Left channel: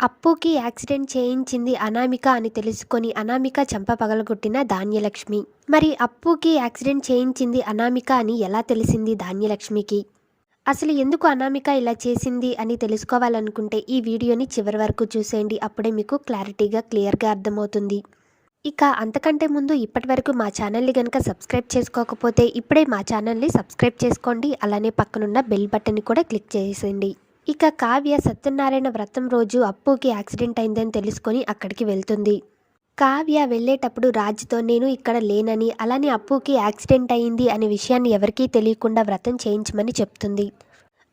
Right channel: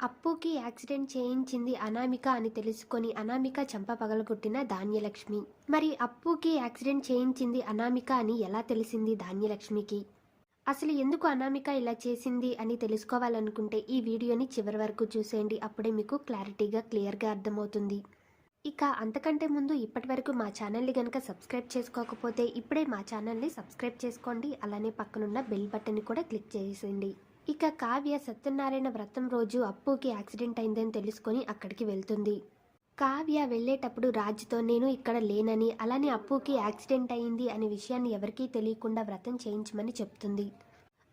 అప్పుకి యాక్సిడెంట్ చేయించింది అనామిక అని తెలుసుకొని అనామిక చెంప పగలగొట్టిన ధాన్యలక్ష్మి. మరి అప్పుకి యాక్సిడెంట్ చేయించింది అనామిక అని ఎలా తెలిసింది ధాన్యలక్ష్మికి? అసలు ఎందుకు అనామిక ఇలా చేసింది అని తెలుసుకోవాలనుకుంటే ఈ వీడియోని చివరి వరకు చూసేయండి. అప్పుడే మీకు క్లారిటీగా క్లియర్గా అర్థమవుతుంది. ఇక అంతకంటే ముందు ఇప్పటి వరకు మా ఛానల్ని కనుక సబ్స్క్రైబ్ చేసుకోకపోతే ఇప్పుడే మా ఛానల్ని సబ్స్క్రైబ్ చేసుకోండి. అలానే పక్కనున్న బెల్ బటన్ని కూడా క్లిక్ చేసేయండి. ఇక కావ్య సత్యనారాయణ వ్రతం రోజు అప్పుకి యాక్సిడెంట్ అయిందని తెలుసుకొని అక్కడికి వెళ్తుంది. కావ్య వెళ్ళేటప్పుడు రాజుతో నేను ఇక్కడ లేనని అలానే అప్పుకి యాక్సిడెంట్ అయింది అనే విషయాన్ని ఎవరికీ తెలియకుండా వ్రతం చేయించమని చెప్తుంది.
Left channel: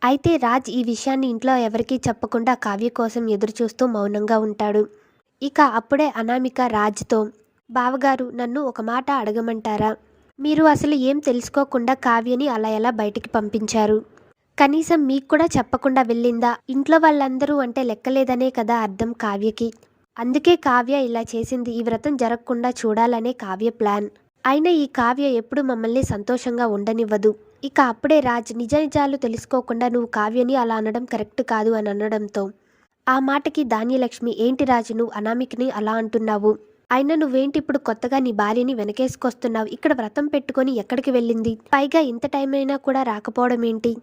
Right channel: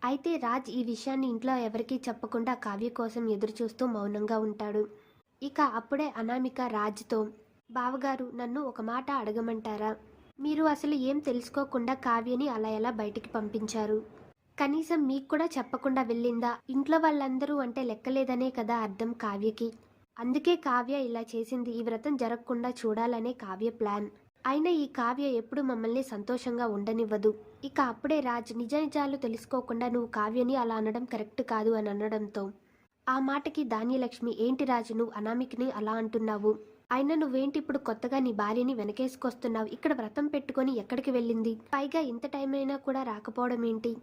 అయితే రాజ్ ఈ విషయాన్ని ఇంట్లో ఎవరికీ చెప్పకుండా కావ్య కోసం ఎదురుచూస్తూ మౌనంగా ఉంటాడు. ఇక అప్పుడే అనామిక రాజ్తో బావగారు నన్ను ఒక మాట అడగమంటారా? మీరు అసలు ఏం తెలుసుకోకుండా కావ్యని అలా ఎలా బయటికి పంపించారు? కనీసం మీకు కూడా చెప్పకుండా వెళ్ళిందా? ఇంట్లో వాళ్ళందరూ అంటే లెక్కలేదనే కదా అర్థం కావ్యకి. అందుకే కావ్య ఇలా చేసింది. ఈ వ్రతం జరగకుండా చూడాలనే కావ్య ప్లాన్. అయినా ఈ కావ్య ఎప్పుడు మమ్మల్ని సంతోషంగా ఉండనివ్వదు. ఇక అప్పుడే రాజ్ నిజ నిజాలు తెలుసుకోకుండా నువ్వు కావ్యని అలా అనడం కరెక్ట్ కాదు అని అనడంతో ఆ మాటకి ధాన్యలక్ష్మి ఏంటి రాజు నువ్వు అనామికని అలా అంటున్నావు? అయినా నువ్వేంటి ఇప్పుడు కొత్తగా నీ భార్యని వెనకేసుకొస్తున్నావు? ఇక్కడ వ్రతం పెట్టుకొని ఎక్కడికి వెళ్ళింది? పైగా ఇంత టైం అయినా కూడా రాకపోవడం ఏంటి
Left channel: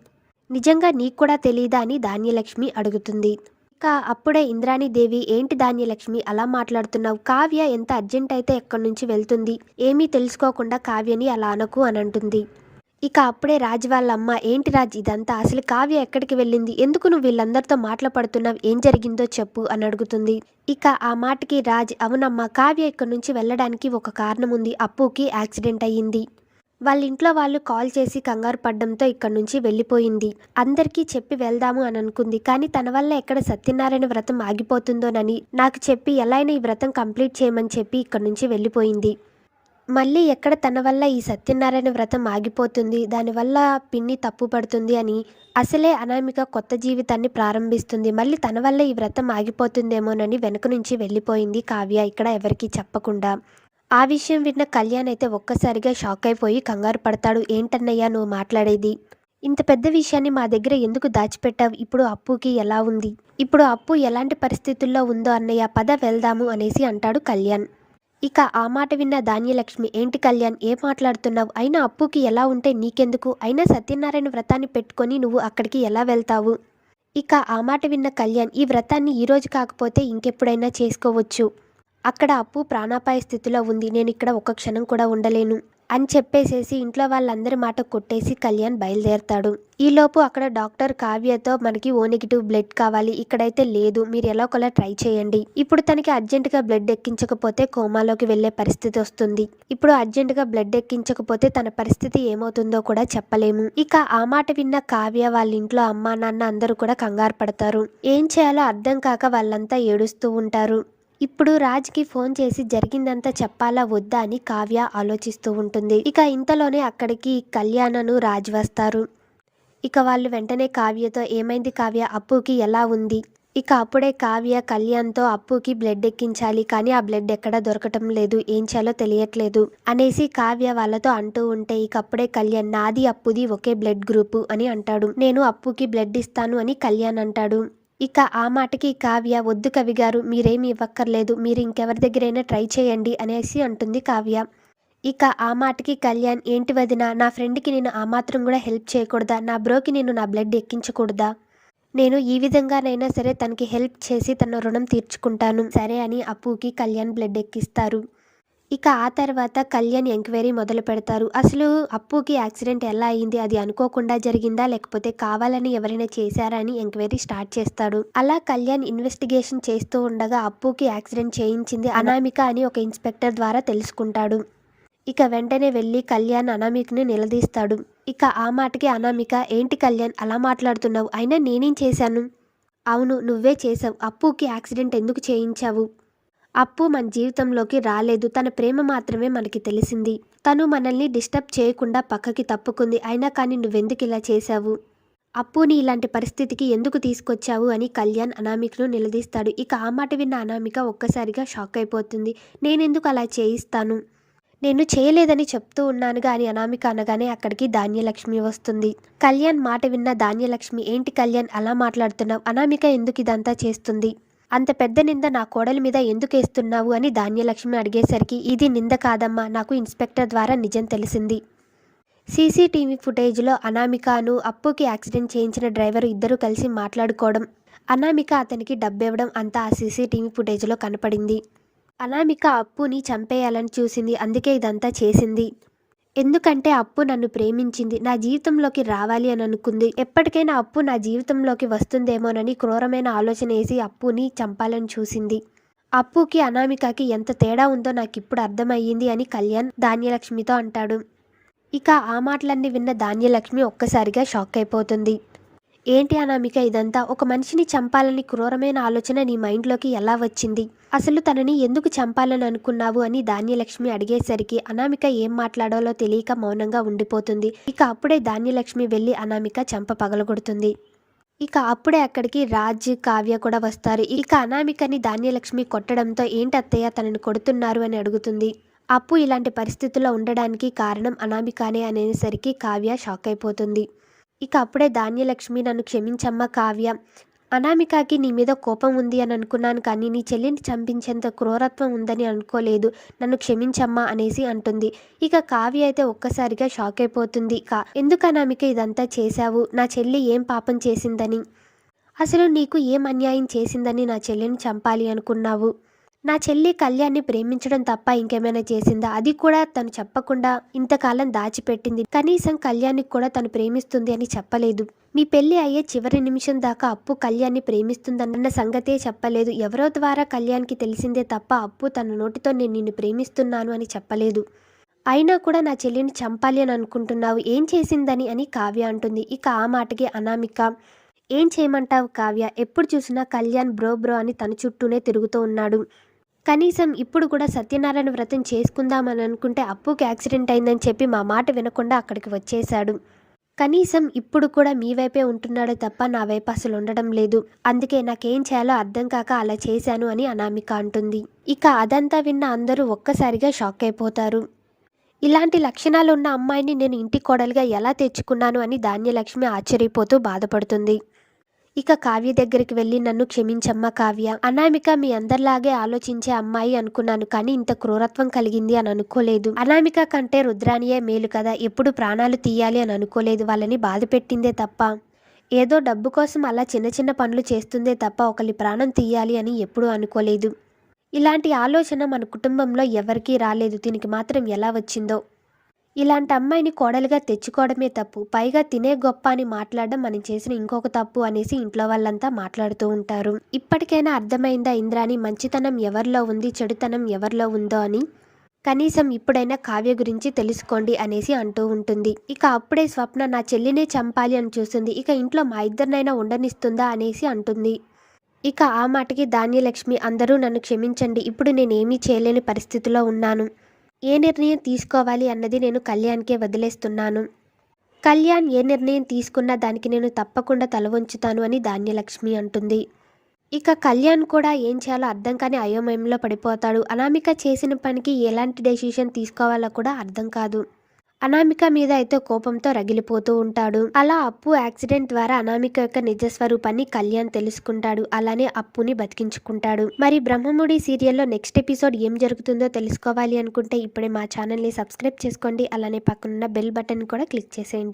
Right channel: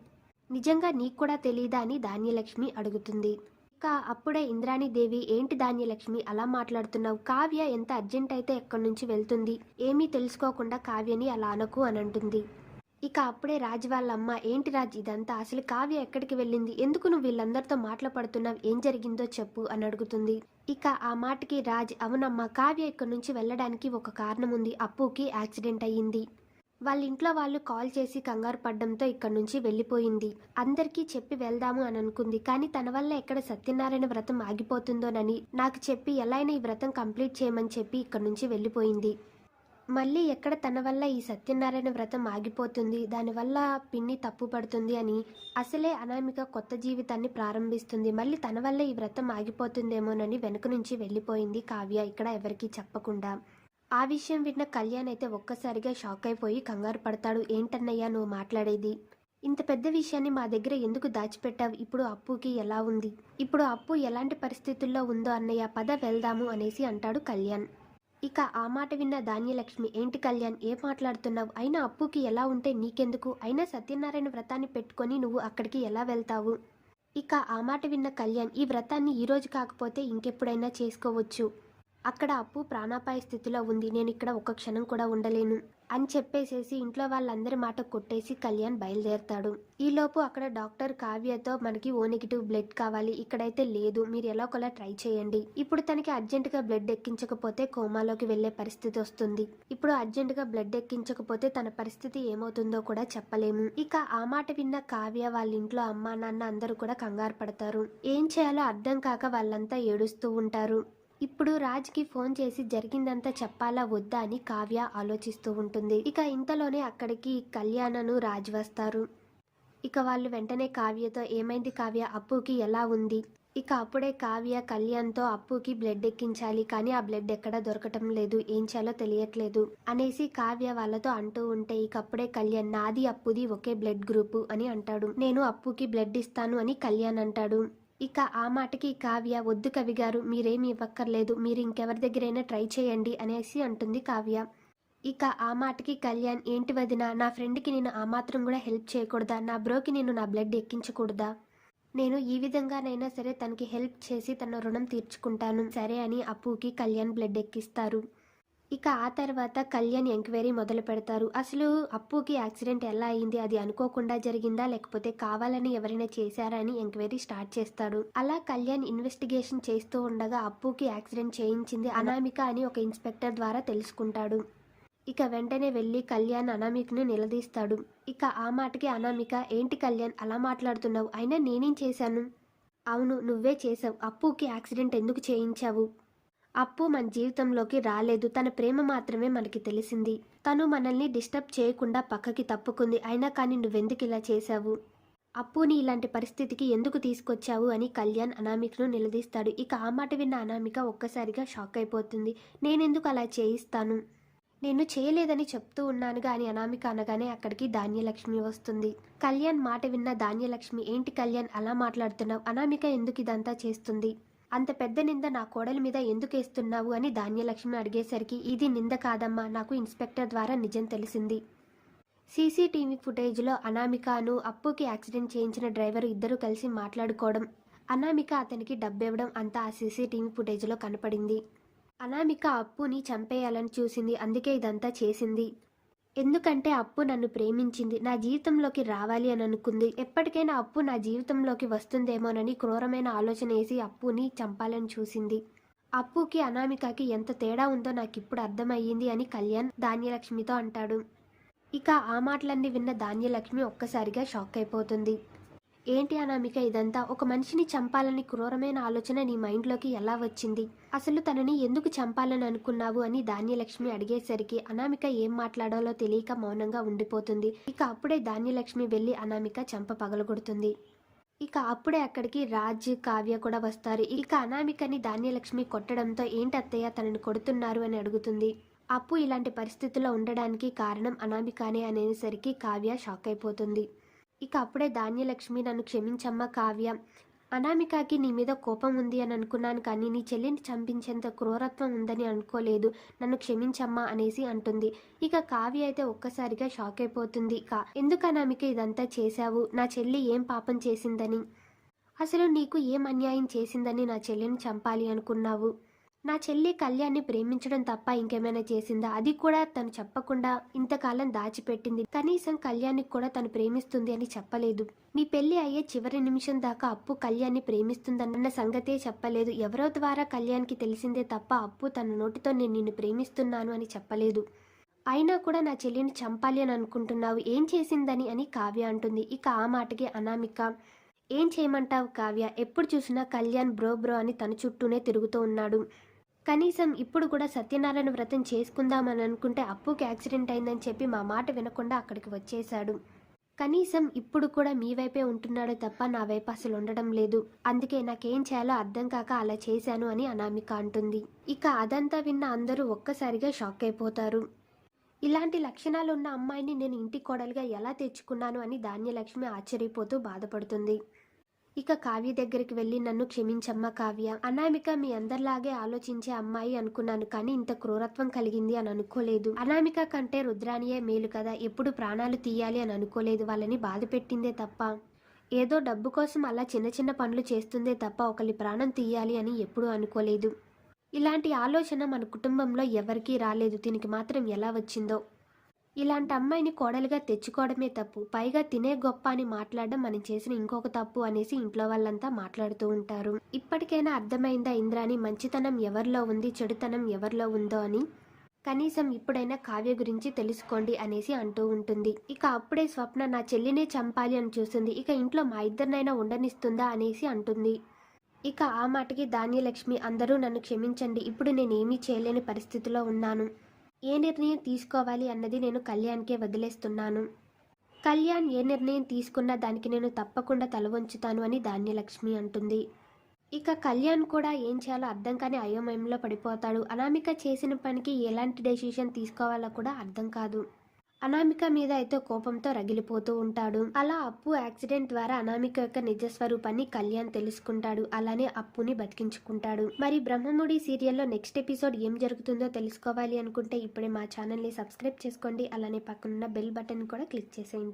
నిజంగా నీకు కూడా తెలియదా అని ధాన్యలక్ష్మి అడుగుతుంది. ఇక అప్పుడే ఇంద్రాణీదేవి ఏంటి ధాన్యలక్ష్మి అలా మాట్లాడుతున్నావు? కావ్య ఎంత అర్జెంట్ అయితే ఎక్కడి నుంచి వెళ్తుంది? ఏమీ తెలుసుకోకుండా కావ్యని అలా అనకు అని అంటుంది. ఇక అప్పుడే రాజ్ వాళ్ళ అమ్మ ఏంటి రాజ్ ఇదంతా? అసలు కావ్య ఎక్కడికి వెళ్ళింది? ఎందుకు నువ్వు వీళ్ళందరితో మాట్లాడుతున్నావు ఏం జరిగిందో చెప్పు అని అడుగుతుంది. ఇక ఆ మాటకి రాజ్ అవునమ్మా కావ్య ఇక్కడి నుంచి వెళ్ళడానికి ఒక కారణం ఉంది. అప్పుకి యాక్సిడెంట్ అయ్యింది. వాళ్ళ ఇంట్లో వాళ్ళు కాల్ చేసి కంగారు పడ్డంతో ఇక్కడి నుంచి వెళ్ళిపోయింది. అందరికీ చెప్పి వెళ్దాము అని అనుకుంది. కానీ తన వల్ల ఎక్కడ సత్యనారాయణ వ్రతం ఆగిపోతుందోనని నాకు చెప్పి ఎలా అయినా ఈ వ్రతం కంప్లీట్ చేయమని చెప్పి ఇక్కడి నుంచి వెళ్ళిపోయింది. మళ్ళీ ఎక్కడ తన వల్ల ఈ సత్యనారాయణ వ్రతం ఆగిపోతుంది దానివల్ల పిన్ని తప్పు పడుతుంది అని అసలే అనామిక కొత్త జీవితాన్ని ప్రారంభిస్తుంది. మళ్ళీ తన వల్ల ఈ వ్రతం ఆగిపోతుందేమోనని వెనుక నుంచి వెళ్ళిపోయింది కావ్య. ఇక్కడ ఎవరికీ చెప్పకుండా ఆ విషయం విన్న కళ్యాణ్ అయితే ఒక్కసారిగా షాక్ అయిపోయి కంగారు పడతాడు. ఏంటన్నయ్యా నువ్వు మాట్లాడేది? ఇంత పెద్ద విషయాన్ని మా దగ్గర ఎందుకు దాచిపెట్టావు? ఇప్పుడు అప్పుకి ఎలా ఉంది? ఇప్పుడు అప్పు ఎలాంటి పరిస్థితుల్లో ఉందో అన్నయ్య పద వెళ్దాము అనేసి అంటాడు కళ్యాణ్. ఇక ఆ మాట విన్న ధాన్యలక్ష్మి ఏంటి కళ్యాణ్ ఏం మాట్లాడుతున్నావు? అయినా అప్పుకి ఎలా ఉంటే నీకెందుకు? అయినా సత్యనారాయణ వ్రతాన్ని పెట్టుకొని నువ్వు అక్కడికి ఎలా వెళ్తావు? ఇక ఆ మాట విన్న కళ్యాణ్ ఈ వ్రతాన్ని ఈరోజు కాకపోతే ఇంకెప్పుడైనా చేసుకోవచ్చు. అక్కడ అప్పు ప్రాణాపాయ స్థితిలో ఉంది నేను ఇక్కడ ఒక్క క్షణం కూడా ఉండలేను అని చెప్పేసేసి ఇంట్లో వాళ్ళందరి మాట కొట్టేసి కళ్యాణ్ బయలుదేరతాడు. ఈలోపు అక్కడ డాక్టర్ కావ్యతో మనకి ఓ నెగిటివ్ బ్లడ్ కావాలి ఇక్కడైతే లేదు మీరు ఎలా ఒకలా ట్రై చేయండి. ఇప్పుడు తనకి అర్జెంటుగా బ్లడ్ ఎక్కించకపోతే కోమాలోకి వెళ్ళే పరిస్థితి వస్తుంది. ఇప్పుడు అర్జెంటుగా బ్లడ్ ఎక్కించకపోతే తన పరిస్థితి ఏమవుతుందో కూడా చెప్పలేము. ఇక ఆ మాట విన్న కావ్య వాళ్ళ ఇంట్లో అమ్మా నాన్న అందరూ కూడా కంగారు పడతారు. ఏం చేయాలో అర్థం కాక వాళ్ళంతా ఏడుస్తూ ఉంటారు. ఇప్పుడు రాజ్కి ఫోన్ చేసి జరిగిందంతా చెప్పాలా వద్దా అని కావ్య ఆలోచిస్తూ ఉంటుంది. ఇక ఇంతలోనే అక్కడికి కళ్యాణను రాజ్ వస్తారు ఇక వాళ్ళు వెంటనే కావ్యతో ఏమైంది కావ్య? అప్పుకి ఎలా ఉంది? ఇక అప్పుడే కావ్య కళ్యాణ్తో అప్పుకి బ్లడ్ ఎక్కించాలి కానీ ఆ బ్లడ్ ఎక్కడ దొరకటం లేదు ఏం చేయాలో తెలియట్లేదు అనేసి కావ్య వాళ్ళతో అంటూ ఉంటే ఇక అప్పుడే కళ్యాణ్ నాది అప్పుది ఒకే బ్లడ్ గ్రూపు అని అంటాడు. నేను అప్పుకి బ్లడ్ ఇస్తాను అని కళ్యాణ్ అంటాడు. ఇక ఆ మాటకి కావ్య వద్దు కవి గారు మీరేమి ఇవ్వక్కర్లేదు. మీరు ఇంకెవరి దగ్గరైనా ట్రై చేయండి అనేసి అంటుంది కావ్య. ఇక ఆ మాటకి కళ్యాణ్ ఏంటి వదిన? నా ఫ్రెండ్కి నేను ఆ మాత్రం కూడా హెల్ప్ చేయకూడదా? నా బ్రోకి నేను నా బ్లడ్ ఎక్కించకూడదా? నేను ఈ విధంగానైనా సరే తనకి హెల్ప్ చేసి తన రుణం తీర్చుకుంటాను. సరే అని అప్పుకి కళ్యాణ్ బ్లడ్ ఎక్కిస్తారు. ఇక ఆ తర్వాత కళ్యాణ్ ఎంక్వైరీ మొదలు పెడతారు. అసలు అప్పుకి యాక్సిడెంట్ ఎలా అయింది? అది అనుకోకుండా జరిగిందా? లేకపోతే కావాలని ఎవరైనా చేశారా అని ఎంక్వైరీ స్టార్ట్ చేస్తాడు. అలా కళ్యాణ్ ఇన్వెస్టిగేషన్ చేస్తూ ఉండగా అప్పుకి యాక్సిడెంట్ చేయించింది అనామిక అని ఒక ఇన్స్పెక్టర్ ద్వారా తెలుసుకుంటాడు. ఇక వెంటనే వెళ్ళి కళ్యాణ్ అనామికని నిలదీస్తాడు. ఇక ఆ మాటకి అనామిక ఏంటి కళ్యాణ్ అలా మాట్లాడుతున్నావు? అయినా నేనేం చేశాను? అవును నువ్వే చేసావు అప్పుకి యాక్సిడెంట్ ఎందుకు చేయించావు? అప్పు మన జీవితంలోకి రాలేదు. తన ప్రేమ మాత్రమే మనకి తెలిసింది. తను మనల్ని డిస్టర్బ్ చేయకుండా పక్కకి తప్పుకుంది. అయినా కానీ నువ్వెందుకు ఇలా చేశావు? అప్పుని ఇలాంటి పరిస్థితికి ఎందుకు తీసుకొచ్చావు అని కళ్యాణ్ అనామికను నిలదీస్తాడు. ఇక ఆ మాట విన్న అనామిక ఒక్కసారిగా షాక్ అయిపోతుంది. నేనెందుకు అలా చేయిస్తాను? నేను చేయలేదని చెప్తూ ఉన్నానుగా అని అనామిక అనగానే అక్కడికి ధాన్యలక్ష్మి వస్తుంది. కళ్యాణ్ మాట విన్న ధాన్యలక్ష్మి ఏంటి కళ్యాణ్ అలా మాట్లాడుతున్నావు? అనామిక ఎందుకు ఇదంతా చేస్తుంది? అంత పెద్ద నింద నా కోడలి మీద ఎందుకు వేస్తున్నావు అని ధాన్యలక్ష్మి అడిగేసరికి ఇది నింద కాదమ్మా నాకు ఇన్స్పెక్టర్ ద్వారా నిజం తెలిసింది. సీసీటీవీ ఫుటేజ్లో అనామికను అప్పుకి యాక్సిడెంట్ చేయించిన డ్రైవర్ ఇద్దరు కలిసి మాట్లాడుకోవడం అనామిక అతనికి డబ్బివ్వడం అంతా ఆ సీసీటీవీ ఫుటేజ్లో కనపడింది. అనామిక అప్పుని చంపేయాలని చూసింది అందుకే ఇదంతా చేసింది. ఎందుకంటే అప్పు నన్ను ప్రేమించింది. నా జీవితంలోకి రావాలి అని అనుకుంది. ఎప్పటికైనా అప్పు నా జీవితంలోకి వస్తుందేమోనని క్రూరమైన ఆలోచన వేసి అప్పుని చంపాలని చూసింది. అప్పుకి అనామికకి ఎంత తేడా ఉందో నాకు ఇప్పుడు అర్థమయ్యింది అని కళ్యాణ్ ధాన్యలక్ష్మితో అంటాడు. ఇక ఆ మాటలన్నీ విన్న ధాన్యలక్ష్మి ఒక్కసారిగా షాక్ అయిపోతుంది. ఏంటి అనామిక ఇదంతా? ఒక మనిషిని చంపాలని క్రూరమైన ఆలోచన నీ మైండ్లోకి ఎలా వచ్చింది? అసలు తనని ఎందుకు చంపాలని అనుకున్నావు అని ధాన్యలక్ష్మి అడిగేసరికి అనామిక ఏం మాట్లాడాలో తెలియక మౌనంగా ఉండిపోతుంది. ఇక అప్పుడే ధాన్యలక్ష్మి వెళ్ళి అనామిక చంప పగలగొడుతుంది. ఇక అప్పుడే అక్కడికి రాజ్ కావ్య కూడా వస్తారు. ఇక అనామికని ధాన్యలక్ష్మి కొట్టడంతో ఏంటి అత్తయ్య తనని కొడుతున్నారు అని అడుగుతుంది. అప్పు ఇలాంటి పరిస్థితుల్లో ఉండడానికి కారణం అనామికానే అనేసరికి కావ్య షాక్ అయిపోతుంది. ఇక అప్పుడే ధాన్యలక్ష్మి నన్ను క్షమించమ్మ కావ్య. అనామికకి నీ మీద కోపం ఉంది అని అనుకున్నాను కానీ నీ చెల్లిని చంపించేంత క్రూరత్వం ఉందని అనుకోలేదు. నన్ను క్షమించమ్మా అనేసి అంటుంది. ఇక కావ్య అయితే ఒక్కసారిగా షాక్ అయిపోతుంది. కా ఎందుకు అనామిక ఇదంతా చేశావు? నా చెల్లి ఏం పాపం చేసిందని? అసలు నీకు ఏం అన్యాయం చేసిందని నా చెల్లిని చంపాలి అనుకున్నావు? నా చెల్లి కళ్యాణ్ని ప్రేమించడం తప్ప ఇంకేమైనా చేసిందా? అది కూడా తను చెప్పకుండా ఇంతకాలం దాచిపెట్టింది. కనీసం కళ్యాణ్కి కూడా తను ప్రేమిస్తుంది అని చెప్పలేదు. మీ పెళ్ళి అయ్యే చివరి నిమిషం దాకా అప్పు కళ్యాణ్ని ప్రేమిస్తుందన్న సంగతే చెప్పలేదు. ఎవరో ద్వారా కళ్యాణ్కి తెలిసిందే తప్ప అప్పు తన నోటితో నేను నిన్ను ప్రేమిస్తున్నాను అని చెప్పలేదు. అయినా కూడా నా చెల్లిని చంపాలి అని అనుకుంటున్నావు. ఏం చేసిందని అని కావ్య అంటుంది. ఇక ఆ మాటకి అనామిక. ఏం చేయమంటావు కావ్య? ఎప్పుడు చూసినా కళ్యాణ్ బ్రో బ్రో అని తన చుట్టూనే తిరుగుతూ ఉన్నాడు. కనీసం ఇప్పుడు కూడా సత్యనారాయణ వ్రతం చేసుకుందామని అనుకుంటే అప్పుకి యాక్సిడెంట్ అయిందని చెప్పి మా మాట వినకుండా అక్కడికి వచ్చేశాడు. కనీసం ఇప్పుడు కూడా మీ వైపే ఉంటున్నాడు తప్ప నా వైపు అసలు ఉండడం లేదు. అందుకే నాకేం చేయాలో అర్థం కాక అలా చేశాను అని అనామిక అంటుంది. ఇక అదంతా విన్న అందరూ ఒక్కసారిగా షాక్ అయిపోతారు. ఇలాంటి లక్షణాలు ఉన్న అమ్మాయిని నేను ఇంటి కోడలుగా ఎలా తెచ్చుకున్నాను అని ధాన్యలక్ష్మి ఆశ్చర్యపోతూ బాధపడుతుంది. ఇక కావ్య దగ్గరికి వెళ్ళి నన్ను క్షమించమ్మ కావ్య. అనామిక మీ అందరిలాగే ఆలోచించే అమ్మాయి అనుకున్నాను కానీ ఇంత క్రూరత్వం కలిగింది అని అనుకోలేదు. అనామిక కంటే రుద్రానియే మేలు కదా. ఎప్పుడు ప్రాణాలు తీయాలి అని అనుకోలేదు. వాళ్ళని బాధ పెట్టిందే తప్ప. ఏదో డబ్బు కోసం అలా చిన్న చిన్న పనులు చేస్తుందే తప్ప ఒకరి ప్రాణం తీయాలి అని ఎప్పుడూ అనుకోలేదు. ఇలాంటి ఆలోచన మన కుటుంబంలో ఎవరికీ రాలేదు. దీనికి మాత్రం ఎలా వచ్చిందో ఇలాంటి అమ్మాయిని కోడలుగా తెచ్చుకోవడమే తప్పు. పైగా తినే గొప్ప అని మాట్లాడడం మనం చేసిన ఇంకొక తప్పు అనేసి ఇంట్లో వాళ్ళంతా మాట్లాడుతూ ఉంటారు. ఇప్పటికైనా అర్థమైందా ఇంద్రాని మంచితనం ఎవరిలో ఉంది? చెడుతనం ఎవరిలో ఉందో అని? కనీసం ఇప్పుడైనా కావ్య గురించి తెలుసుకోండి అనేసి అంటూ ఉంటుంది. ఇక అప్పుడే స్వప్న నా చెల్లినే చంపాలి అని చూస్తుంది. ఇక ఇంట్లో మా ఇద్దరినైనా ఉండనిస్తుందా అనేసి అంటుంది. ఇక ఆ మాటకి ధాన్యలక్ష్మి అందరూ నన్ను క్షమించండి. ఇప్పుడు నేనేమీ చేయలేని పరిస్థితిలో ఉన్నాను. ఏ నిర్ణయం తీసుకోవాలి అన్నది నేను కళ్యాణ్కే వదిలేస్తున్నాను. కళ్యాణ్ ఏ నిర్ణయం తీసుకున్నా దానికి నేను తప్పకుండా తల వంచుతాను అని ధాన్యలక్ష్మి అంటుంది. ఇక కళ్యాణ్ కూడా ఏం చేయాలో అర్థం కాని అయోమయంలో పడిపోతాడు. అనామిక చేసిన పనికి ఎలాంటి డెసిషన్ తీసుకోవాలో కూడా అర్థం కాదు. అనామిక మీద అయితే కోపంతో రగిలిపోతూ ఉంటాడు. అలా అప్పు యాక్సిడెంట్ ద్వారా అనామిక యొక్క నిజస్వరూపాన్ని కళ్యాణ్ తెలుసుకుంటాడు. అలానే అప్పుని బతికించుకుంటాడు. మరి బ్రహ్మముడి సీరియల్లో నెక్స్ట్ ఎపిసోడ్ ఏం జరుగుతుందో తెలుసుకోవాలి అనుకుంటే ఇప్పుడే మా ఛానల్ని సబ్స్క్రైబ్ చేసుకోండి. అలానే పక్కనున్న బెల్ బటన్ కూడా క్లిక్ చేసేయండి.